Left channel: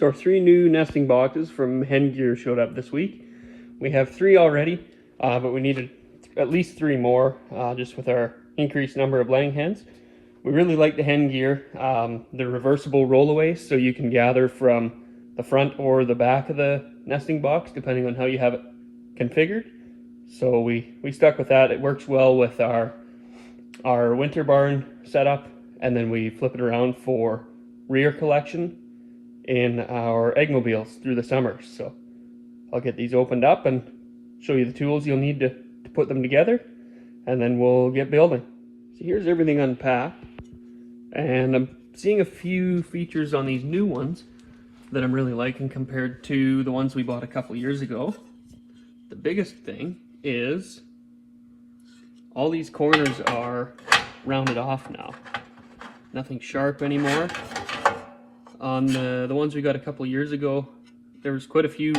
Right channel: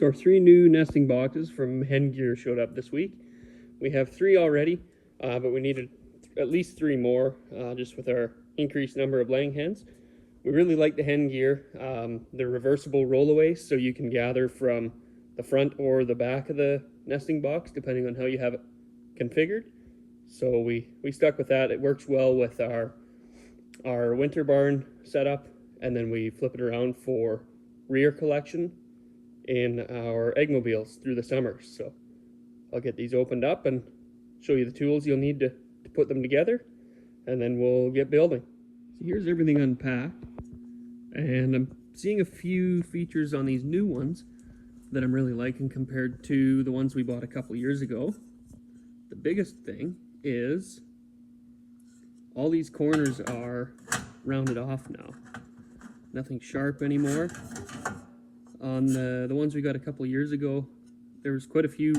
So our 3 new nesting boxes from Hen Gear showed up this week. We have 3 already, but we needed at least 3 more, just with our increased number of laying hens. We really like the Hen Gear. They're reversible rollaways, so you can gather from the front or the back of the nesting box, depending on how you have it configured. So we stuck with that. It works well with our winter barn setup, and then we flip it around for rear collection in our eggmobiles through the summer. So I'll get these opened up and show you the tools you'll need to put them together, and then we'll get building. So here's everything unpacked, and I'm seeing a few features on these new ones that I'm really liking compared to the ones we bought a couple years ago. The biggest thing is all these corners are rounded off now. Nothing sharp anymore. On the ones we got a couple years ago, there was quite a few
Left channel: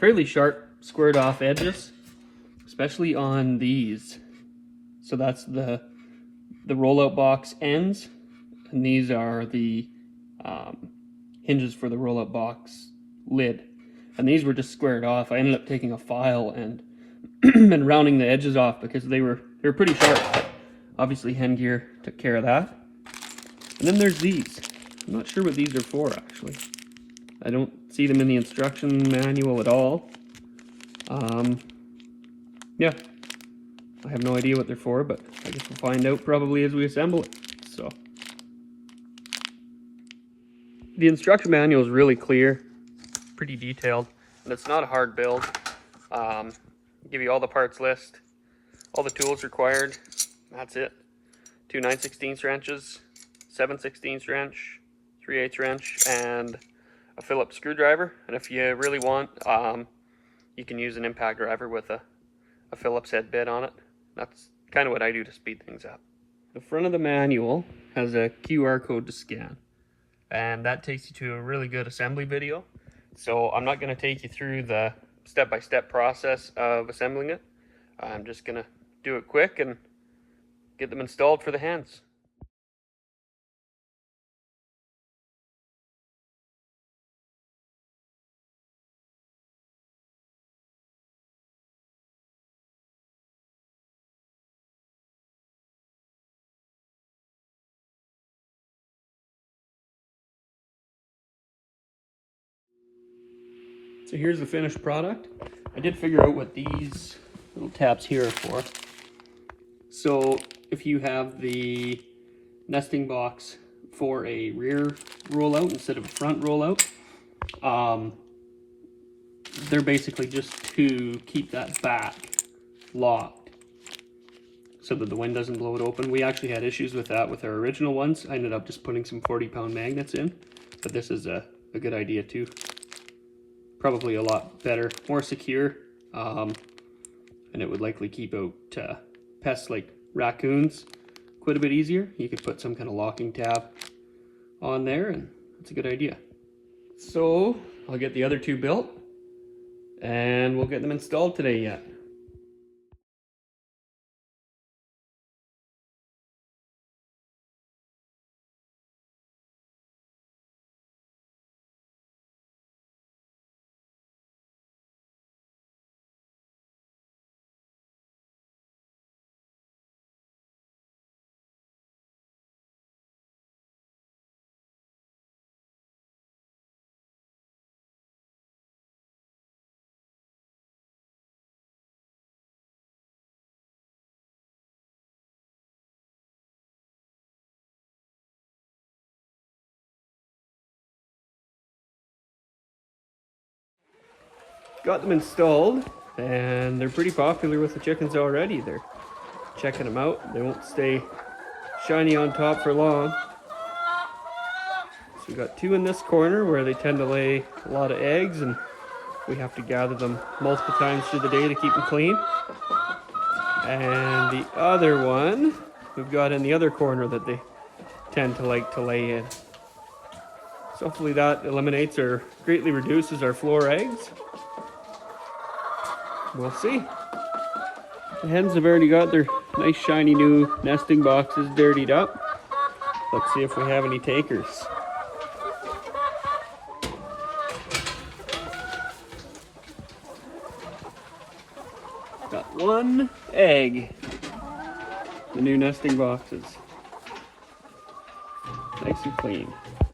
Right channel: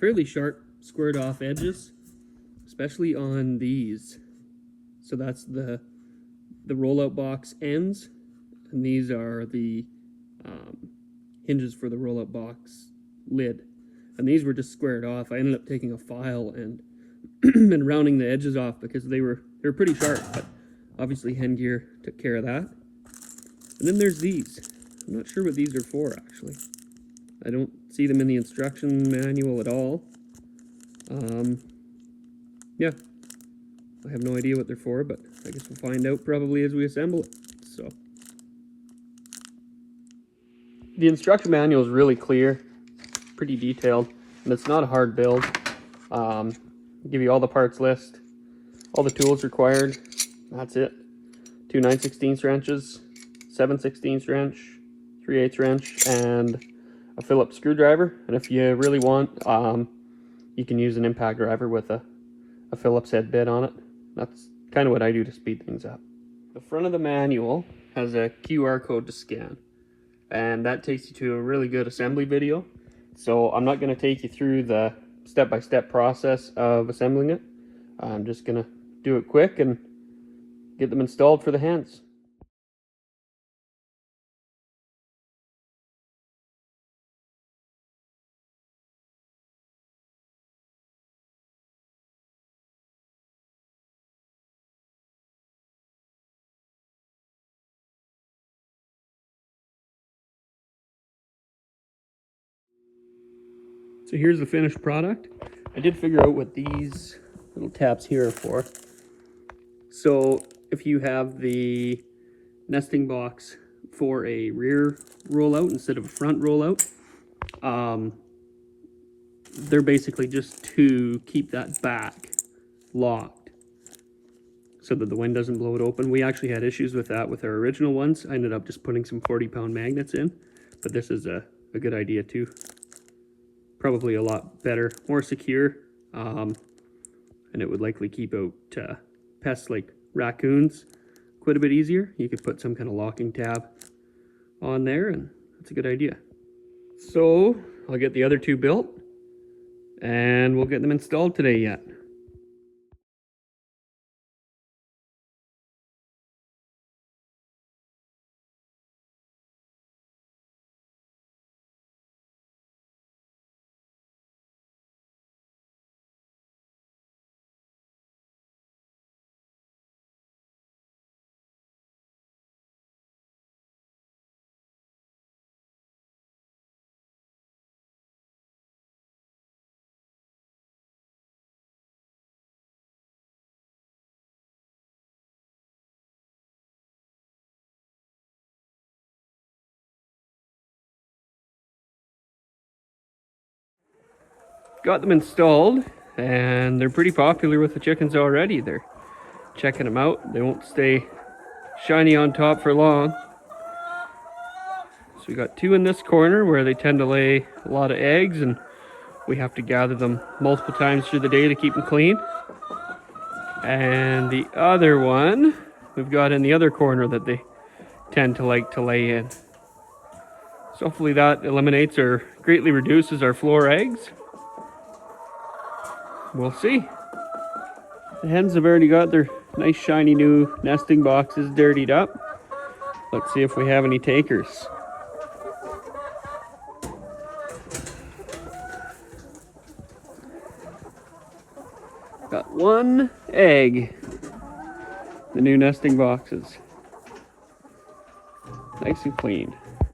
fairly sharp squared off edges, especially on these. So that's the rollout box ends, and these are the hinges for the rollout box lid. And these were just squared off. I ended up taking a file and and rounding the edges off because they were pretty sharp. Obviously Hen Gear took care of that. And then there's these. I'm not sure what these are for, actually. I don't see them in the instruction manual at all. Yeah, I have no idea what they're for, but I guess we'll find out probably as we assemble it. So, the instruction manual is really clear, pretty detailed, and it's not a hard build. Give you all the parts list, all the tools required. That's it. 2 9/16 wrenches, 7/16 wrench, 3/8 wrench, and a Phillips screwdriver. And if you really want, you can use an impact driver with a Phillips head bit on it. That's kind of what I do to speed things up. The front of the manual has a QR code to scan, and that takes you to a really good assembly video. So I'm not going to take you through the step-by-step process of assembling it. I'm just going to do it quick and get them installed for the hens. So here's the finished product. I did figure out what these little tabs here are for. So if you have the nesting box for a rear rollout instead of a front rollout, they're basically just to keep that back locked so that the wind doesn't blow it open. We actually had issues with that with our original ones. I ended up just putting some 40-pound magnets in, but this is a good idea too. Probably a lot better, more secure, and it would likely keep out pests like raccoons quite a bit easier. You could put some kind of locking tab on there, and that's a good idea. So I'll get the other 2 built, and we'll get them installed today yet. Got them installed, and they're pretty popular with the chickens already. They're checking them out. They won't stay shiny on top for long. So we got 2 in this corner where they tend to lay a lot of eggs, and we have to gather them multiple times through the day to keep them clean. And the other one we've got in the other corner that they tend to like to lay in. So hopefully that eliminates or greatly reduces our floor eggs. We'll see. The hens have already got their nice shiny new nesting boxes dirtied up. Let's see if we have any takers. Got one egg. The new nesting boxes. Nice and clean.